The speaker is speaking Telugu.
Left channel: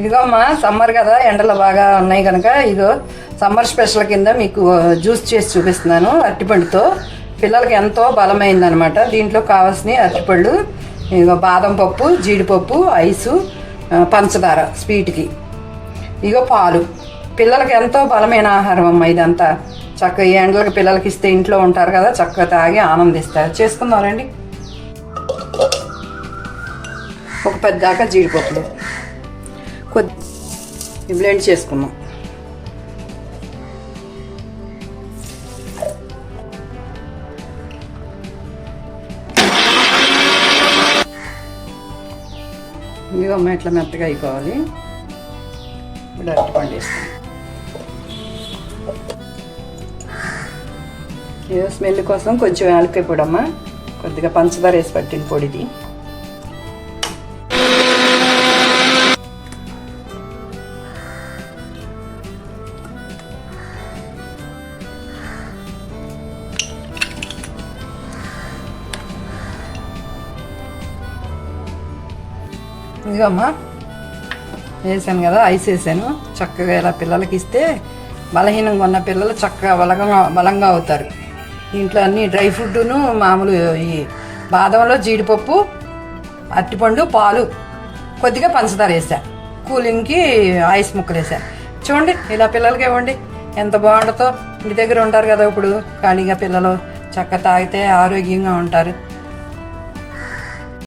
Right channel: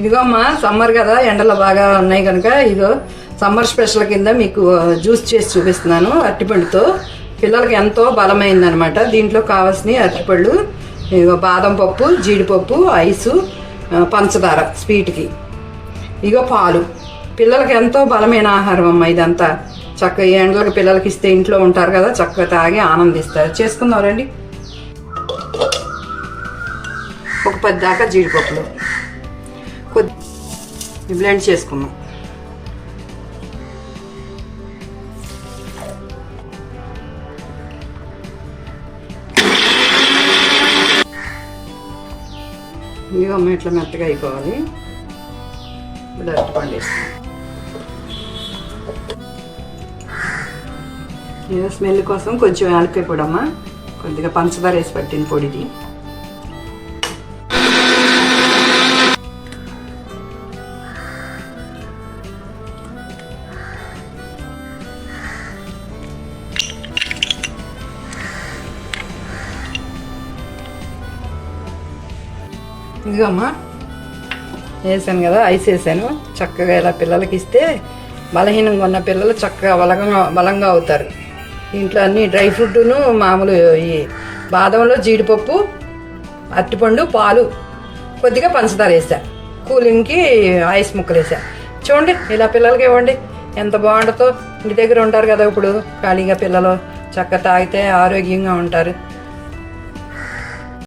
ఇదిగో అమ్మా, సమ్మర్ కదా, ఎండలు బాగా ఉన్నాయి కనుక ఇదిగో సమ్మర్ స్పెషల్ కింద మీకు జ్యూస్ చేసి చూపిస్తున్నాను. అరటిపండుతో పిల్లలకి ఎంతో బలమైందనమాట. దీంట్లో కావాల్సినవి అరటిపళ్ళు, ఇదిగో బాదం పప్పు, జీడిపప్పు, ఐసు, పంచదార స్వీట్కి, ఇగో పాలు. పిల్లలకి ఎంతో బలమైన ఆహారం అమ్మ ఇదంతా. చక్కగా ఈ ఎండలకు పిల్లలకి ఇస్తే ఇంట్లో ఉంటారు కదా, చక్కగా తాగి ఆనందిస్తారు. చేసుకుందాం రండి. ఒక 10 దాకా జీడిపప్పులు కొద్ది బ్లెండ్ చేసుకున్నాం. ఇవమ్మ ఇట్లా మెత్తగా అయిపోవాలి. ఇప్పుడు అరటిపండు వేస్తాం. ఏదో స్మెల్ కోసం కొంచెం యాలక్కాయ కూడా అమ్మ, కొద్దిగా పంచదార వేసి పట్టిన పొడిది. ఇదిగమ్మా వేసాను కదా, ఐస్ వేసాను. చక్కగా ఇలా పిల్లలకి ఇస్తే బలహీనంగా ఉన్న పిల్లలు చక్కగా బలంగా అవుతారు. దీంట్లో అన్ని డ్రై ఫ్రూట్ను, మామూలు ఈ బాదంలో జీడిపప్పు, అరటిపండు, పాలు, కొద్దిగా పంచదార వేసా. కూలింగ్కి ఐస్ ముక్కలు వేసా. చూడండి, ఇలా పిల్లలకి ఇవ్వండి, ఎంత బాగుంటుందో. ఇంటి దగ్గర ఉంటారు కదా ఇప్పుడు ఖాళీగా పిల్లలు, చక్కగా తాగితే ఆరోగ్యంగా ఉంటారు.